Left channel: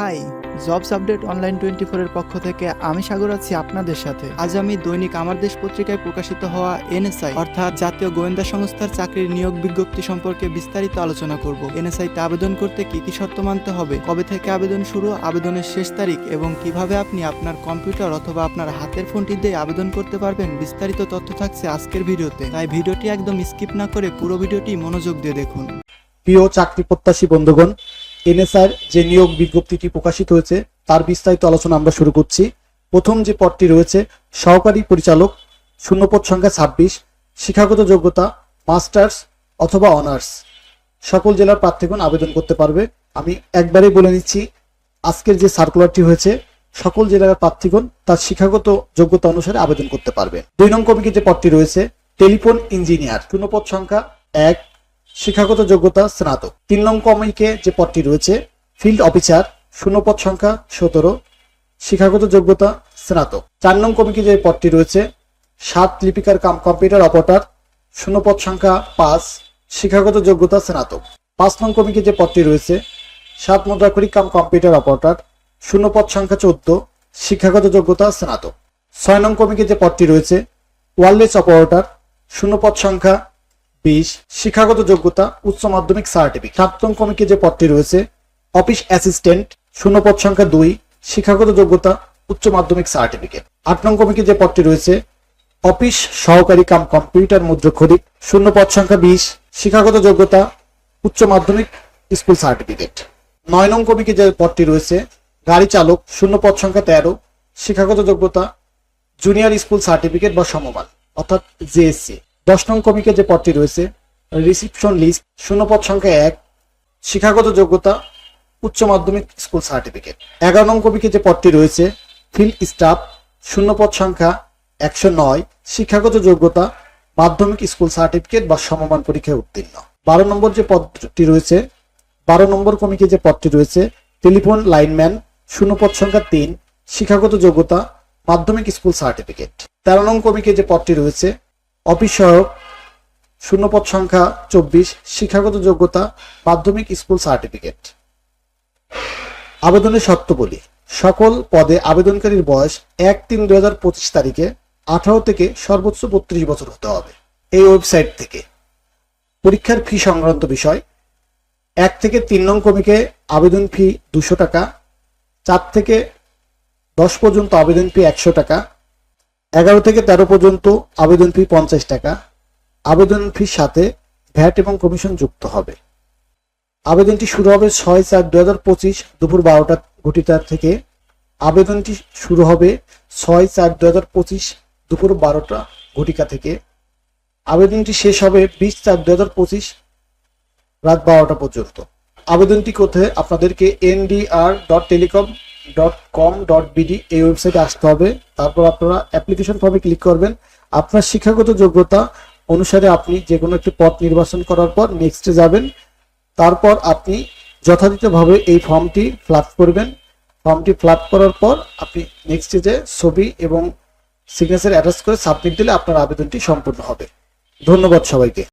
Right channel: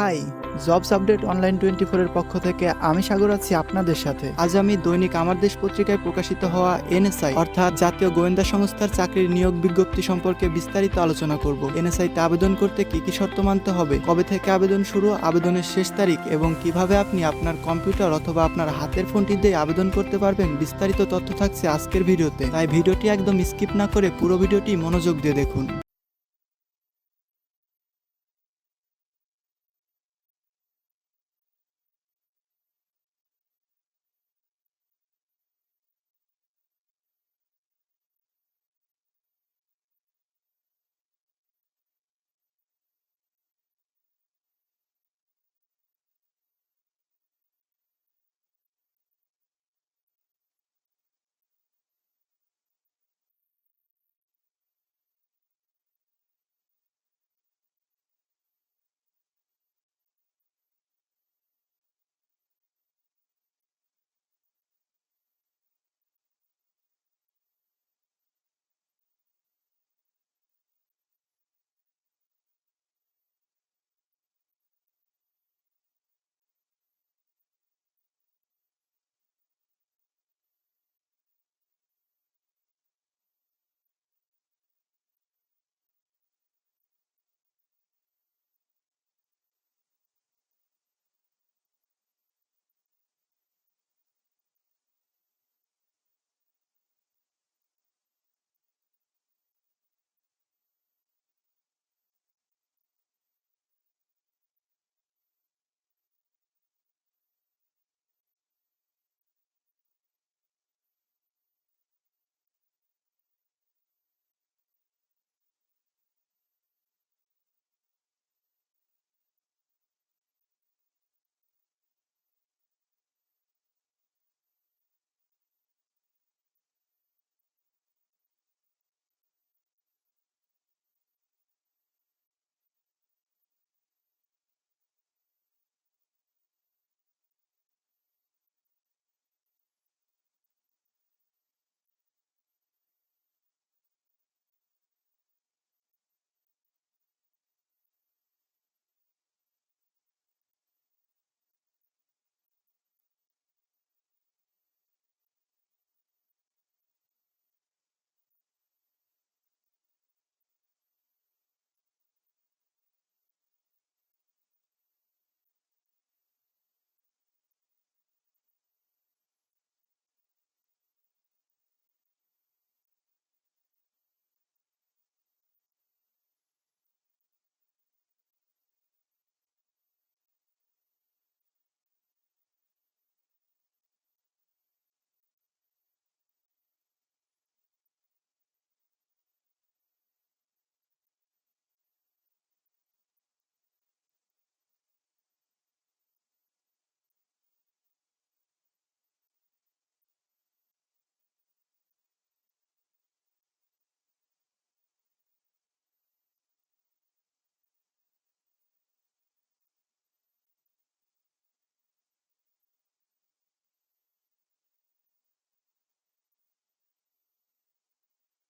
Hi, jobs update online twenty এর পক্ষ থেকে আমি সাগর আছি আপনাদের সাথে। আজ আমি দৈনিক আমার দেশ পত্রিকায় প্রকাশিত হওয়া এনএসআই, অর্থাৎ জাতীয় গোয়েন্দা সংস্থার চাকরির নিয়োগ বিজ্ঞপ্তি সম্পর্কে বিস্তারিত আলোচনা করব। এনএসআই তে আবেদন করতে কি কি শর্ত মানতে হবে, কবে থেকে আবেদন শুরু, আবেদনের শেষ তারিখ এবং কীভাবে আপনি আপনার কম্পিউটার অথবা আপনার হাতের ফোনটি দিয়ে আবেদন করতে পারবেন বিস্তারিত তথ্য থাকছে আজকের ভিডিওতে। তাই ভিডিওটি একদম স্কিপ না করে পুরো ভিডিওটি মনোযোগ দিয়ে দেখুন। প্রিয় চাকরি প্রত্যাশী বন্ধুগণ এনএসআর যে নিয়োগ বিজ্ঞপ্তিটি প্রকাশিত হয়েছে, তার বিস্তারিত আলোচনা আমরা শুরু করছি। প্রথম যে পদটি রয়েছে, সহকারী পরিচালক, শূন্যপদ সংখ্যা ছাব্বিশ, শিক্ষাগত যোগ্যতা, মাস্টার্স অথবা অনার্স। সকল জেলার প্রার্থীগণ আবেদন করতে পারবে। আমি একবারেই বলে নিচ্ছি, আজকের যে সার্কুলারটি হয়েছে, সকল জেলার প্রার্থীগণ তার শিক্ষাগত যোগ্যতা অনুসারে আবেদন করতে পারবে। দুই নং কমিটির যে পদটি রয়েছে, টেলিফোন ইঞ্জিনিয়ার, শূন্যপদ সংখ্যা এক শিক্ষাগত যোগ্যতা স্নাতক। তিন নং কমিকে যে পদটি রয়েছে ফিল্ড অফিসার শূন্যপদ সংখ্যা সতেরো, শিক্ষাগত যোগ্যতা স্নাতক। চার নং কমিকে যে পদটি রয়েছে, সাত লিপিকার কাম কম্পিউটার অপারেটর শূন্যপদ সংখ্যা পাঁচ, শিক্ষাগত যোগ্যতা স্নাতক। পাঁচ নং কমিকে যে পদটি রয়েছে, সাত মুদ্রাকরী কাম কম্পিউটার অপারেটর শূন্যপদ সংখ্যা চোদ্দ, শিক্ষাগত যোগ্যতা স্নাতক। ছয় নং কমিকে যে পদটি রয়েছে, ওয়ারলেস অপারেটর শূন্যপদ সংখ্যা বিশ, শিক্ষাগত যোগ্যতা, উচ্চ মাধ্যমিক সার্টিফিকেট সাতম কমিকে যে পদটি রয়েছে অফিস অ্যাসিস্ট্যান্ট শূন্যপদ সংখ্যা দুই, শিক্ষাগত যোগ্যতা, উচ্চ মাধ্যমিক সার্টিফিকেট আট নং কমিকে যে পদটি রয়েছে অফিস সহকারী কাম কম্পিউটার মুদ্রক্ষরিক শূন্যপদ সংখ্যা বিশ, শিক্ষাগত যোগ্যতা, উচ্চ মাধ্যমিক স্কুল সার্টিফিকেট নয় নং কমিকে যে পদটি রয়েছে, গাড়ি চালক শূন্যপদ সংখ্যা তেরো, শিক্ষাগত যোগ্যতা জুনিয়র স্কুল সার্টিফিকেট বা সমমান, অর্থাৎ জেএসসি দশ নং কমিকে যে পদটি রয়েছে রিসিপশন লিস্ট শূন্যপদ সংখ্যা এক, শিক্ষাগত যোগ্যতা, উচ্চ মাধ্যমিক স্কুল সার্টিফিকেট এগারো নং কমিকে যে পদটি রয়েছে ফিল্ড স্টাফ শূন্যপদ সংখ্যা একশো নয়, শিক্ষাগত যোগ্যতা, মাধ্যমিক স্কুল সার্টিফিকেট বা সমমান পরীক্ষায় উত্তীর্ণ। বারো নম্বর যে পদটি রয়েছে, বারো নম্বর কমিকে যে পদটি রয়েছে টেলিফোন লাইনম্যান শূন্যপদ সংখ্যা তিন, শিক্ষাগত যোগ্যতা, মাধ্যমিক স্কুল সার্টিফিকেট তেরো নং কমিকে যে পদটি রয়েছে অফিস সহায়ক, শূন্যপদ সংখ্যা চব্বিশ, শিক্ষাগত যোগ্যতা, মাধ্যমিক স্কুল সার্টিফিকেট। আবেদনের শর্তাবলী সকল পদে আবেদনকারীর বয়স এক তিন দুই হাজার পঁচিশ তারিখে আঠারো থেকে সর্বোচ্চ বত্রিশ বছর হতে হবে। এই ওয়েবসাইট থেকে। পরীক্ষার ফি সংক্রান্ত বিষয়, এক থেকে তিন নং কমিকে আবেদন ফি দুশো টাকা, চার থেকে দশ পর্যন্ত আবেদন ফি একশো টাকা এগারো থেকে তেরো পর্যন্ত আবেদন ফি পঞ্চাশ টাকা। আবেদন ফির সাথে ভ্যাট এবং কমিশন যুক্ত হবে। আবেদনটি শুরু হবে ছয় চার দু হাজার পঁচিশ দুপুর বারোটা ঘটিকা থেকে। আবেদনটি শুরু হবে ছয় চার দু হাজার পঁচিশ দুপুর বারোটা ঘটিকা থেকে। আবেদনটি শেষ হবে বিশ চার দু হাজার পঁচিশ রাত বারোটা পর্যন্ত। আবেদনটি করতে আপনাদেরকে NDR dot telecom dot com dot BD এই ওয়েবসাইটে আসতে হবে। তারপর আপনারা অ্যাপ্লিকেশন ফর্মে ক্লিক করবেন। আপনার শিক্ষাগত যোগ্যতা অনুসারে আপনি যে কোনো একটি পথ নির্বাচন করার পর নেক্সটে যাবেন। তারপর আপনি যথাযথভাবে এই ফর্মটি ফ্লাপ করবেন। ফর্মটি ফ্লাপ করার পর আপনি নেক্সটে যে ছবি এবং সিগনেচার অ্যাটাচ করে সাবমিট দিলে আপনার আবেদনটি সম্পূর্ণ হবে। ধন্যবাদ সবাইকে।